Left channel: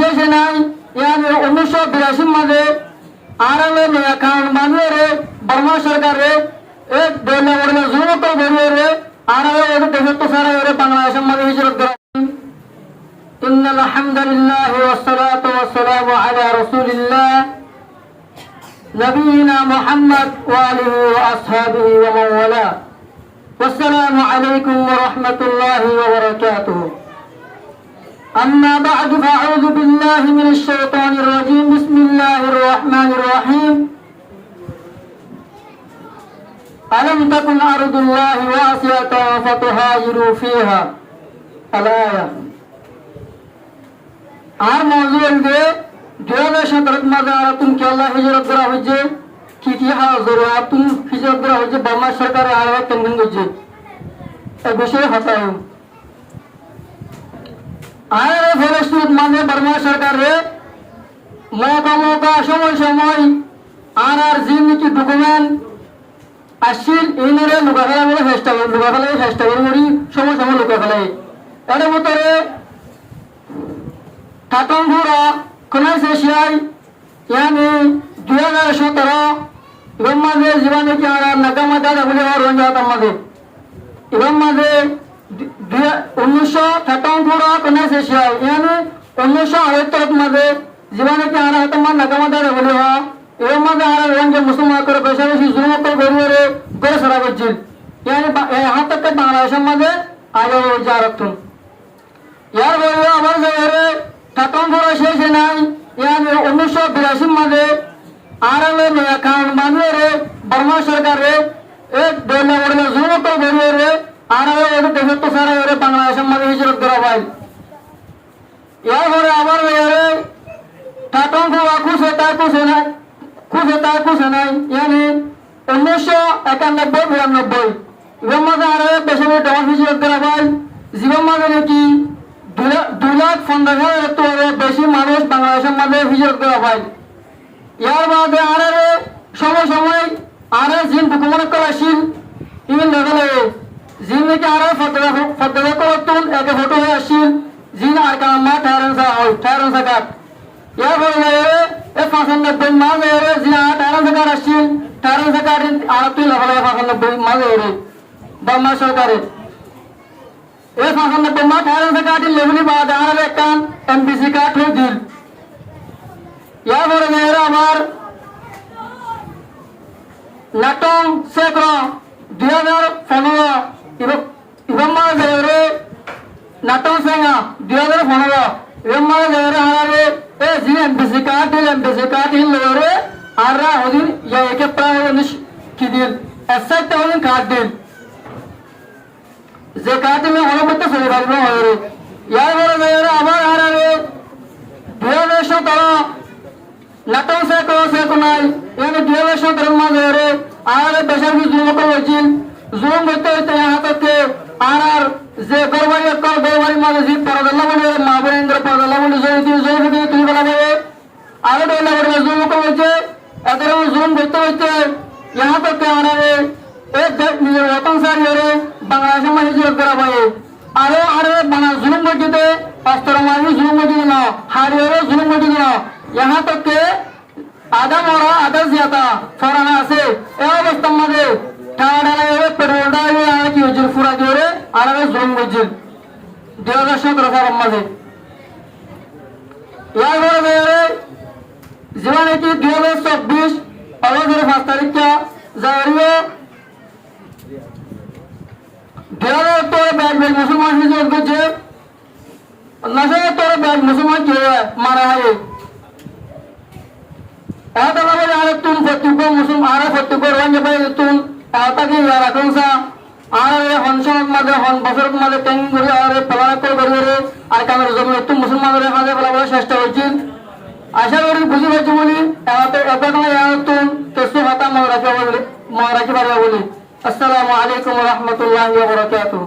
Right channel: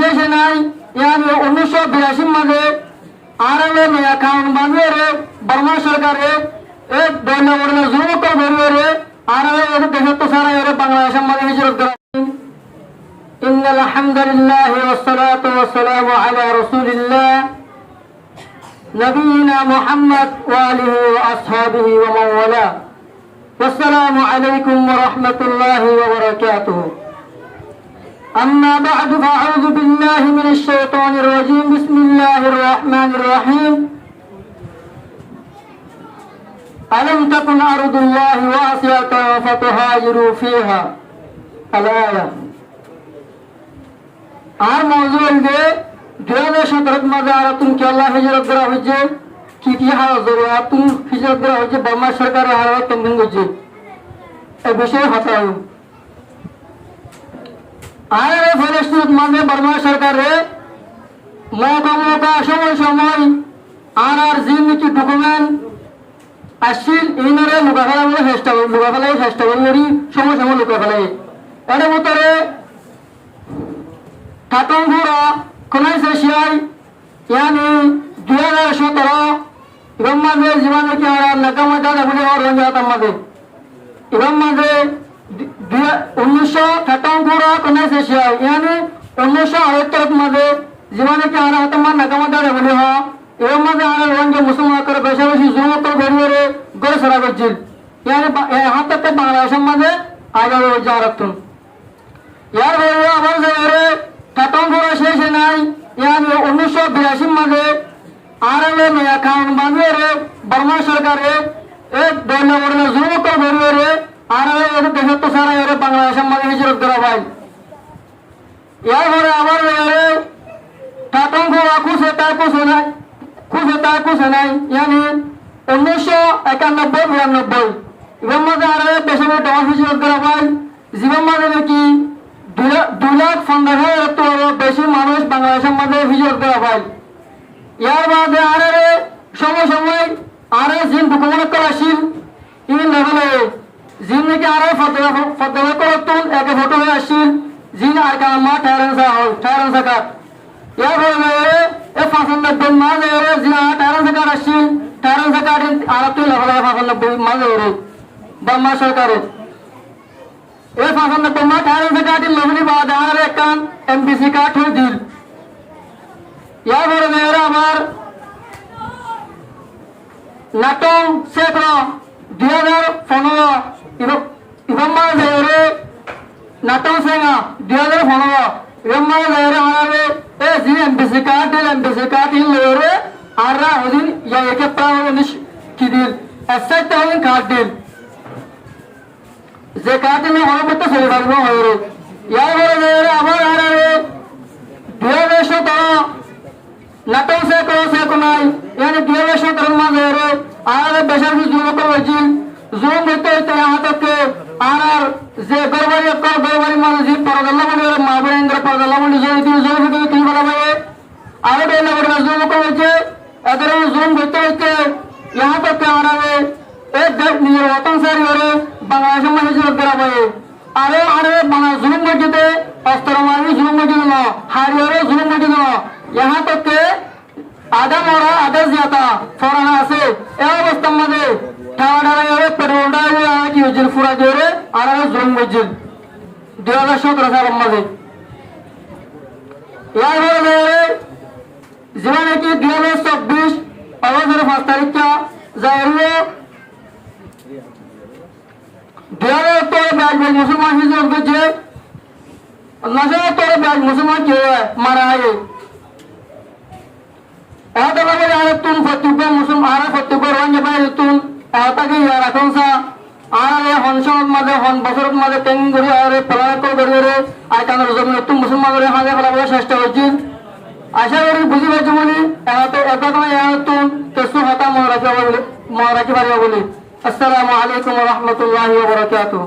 শেষে নাই ইয়ানি 1982 মাঝে আরবে নয়া কানুন বানিয়ে রে বর্মা সরকারে এক দোলা বড়লা জুমত ধরিয়ে রে আরবে ওদের দেশে তো সারা এর বাংলাদেশের মাঝে হিজরত করা ইন্নাল হামদুলিল্লাহ ওয়াস সালাতু ওয়াস সালামু আলা রাসূলিল্লাহ নবিয়িনা মুহাম্মদ ওয়া আলিহি ওয়া আসহাবিহি ওয়া মান ওয়ালা আসসালামু আলাইকুম ওয়া রাহমাতুল্লাহি ওয়া বারাকাতুহু أما بعد فأعوذ بالله من الشيطان الرجيم بسم الله الرحمن الرحيم ألم تكن أرض الله واسعة فتهاجروا فيها الآية আর মওজুদ দিয়ে 2017 মাঝে তুম কি আল্লাহ হিজরত করা হয়েছে কি হাজর তুম হিজরত করা হয়েছে বার্মা সরকারের আর কেন্দ্র হয়েছে এই বিষয়ে হতাও আরে ফেরেস্তুত মানে বর্মা সরকারে মৌকা সময় আর জিন কি ডকুমেন্ট আসিল ইনারে লুকাফেলা বলে চেষ্টা করি সময় লুকাফেলাই এর ভিতরে ঠাটংঘুরা কোনাইছে শিয়াই ইয়ানি 2017 এর মাঝে জীবনে কি আর নাকামা দাদা বলে আর রঞ্জাত আমাদের এর মাঝে 1958 কোনাইছে শিয়াই ইয়ানি 1978 মাঝে জীবনে কি আর তোমার নাকামা দাদা বলে হ এর মাঝে আর রঞ্জা মুসলমান করে বেশি জুমত করে গড়ে সারা করছিল ইয়ানি হাতে বাংলাদেশের মাঝে আগে জারাতুন ইয়ার বলে আবার যে ঠাটংঘুরা শেষে নাই ইয়ানি 1982 মাঝে আরবে নয়া কানুন বানিয়ে রে বর্মা সরকারে এক দোলা বড়লা জুমত ধরিয়ে রে আরবে ওদের দেশে তো সারা এর বাংলাদেশের মাঝে হিজরত করা ভাই ইয়ার পরে আবার রে ঠাটংঘুরা কুছে নাই ইয়ানি 1991-92 এর মাঝে আর দেশে ডন হিজরত করা ভাই জীবন মাঝে নাকি 2,15,000 বেশি মানুষ বাংলাদেশের মাঝে হিজরত করা ভাই ইয়ার বাদে আর সময় আর জিন ডকুমেন্ট করা আসিল ইন লেভেলে জিন নাকি আর ফটোগ্রাফ করতুন একে ফটো হয়ে আসিল জিন আর কামা ঠায়রান সাকাত ইয়ার বলে এ 95 মাঝে জিন ঠায়রান সাকাত আসিল ঠায়রান সাকাত আর তুই লেভেলে 95 মাঝে বর্মা সরকারের এই 95 মাস ঠায়রান সাকাত লেভেলি বাদ আর একখান এমবিসি কার্ড হয়ে দিল ইয়ার পরে মেয়েরা আমার নাটং শেখরা 2015 ইভম মেয়েরে নাটং শেখা 2015 ইভম মেয়েরে হারারে এ জি এমবিসি কার্ড হিল মেয়েরে আর ওদিন ইয়া একে প্রায় কি দিল এসআইতে ওদিন কার্ড দিল যে কার্ড দিলে অনেক করতে চলে পারবো মেয়েরে ইয়ার পরে মেয়েরে আবার হারারে 2017 নাটক শেখ নাই ইয়ানি 2017 মাঝে আর বেশার জুম করেছিল জুম হইতে হাতে আর যে গরবারি মানে যে পরদাল্লা বলে মা বরেন্দ্র পরদাল্লা বলে জমি তুই বলা ভাই আর ডেলা বলে জুম করেছে এদের জুম হইতে यहाँ तक आ रहा है एक নিজের ওতন সারি করে বাংলাদেশের মাঝে হিজরত করা ভাই আরে বাংলা জুলুম গঠিতে অস্ত্র মারি জুলুম গঠিত না হারিয়ে জুলুম গঠিত না यहाँ तक আদা মরা আদা জিয়াতা ফরানা আছে এই অবস্থার মধ্যে ঠাড়া পেট্রোলটা কি হয়েছিল ফুরা দিয়ে আর জুলুম গঠিত 2017 সালের মাঝে ইয়ার পরে জীবনে কি 2024 অগস্টের 5 তারিখটা জারিও 2000 তোরে ব্যাগ মুসলমান হিজরত করছে নাসে তোরে ব্যাগ মুসলমান কে মারা হয় এটা বলে আর তুম ফতিব মুসলমান আর ফতিব রঞ্জে ভাই তুম এটাকে ইয়ার এখন সা আর হনসনত মাঝে হন বছরত মাঝে টেং করে আর পলায় করে আর কামের জন্য তুম মুসলমানের হাতে ফলাবার চেষ্টা করছিস আশা করি বুঝি পাইছি বলি এত তুম কেসু হাতা মনে রাখি পারবা বলি আসসালামু আলাইকুম ওয়া রাহমাতুল্লাহি ওয়া বারাকাতুহু।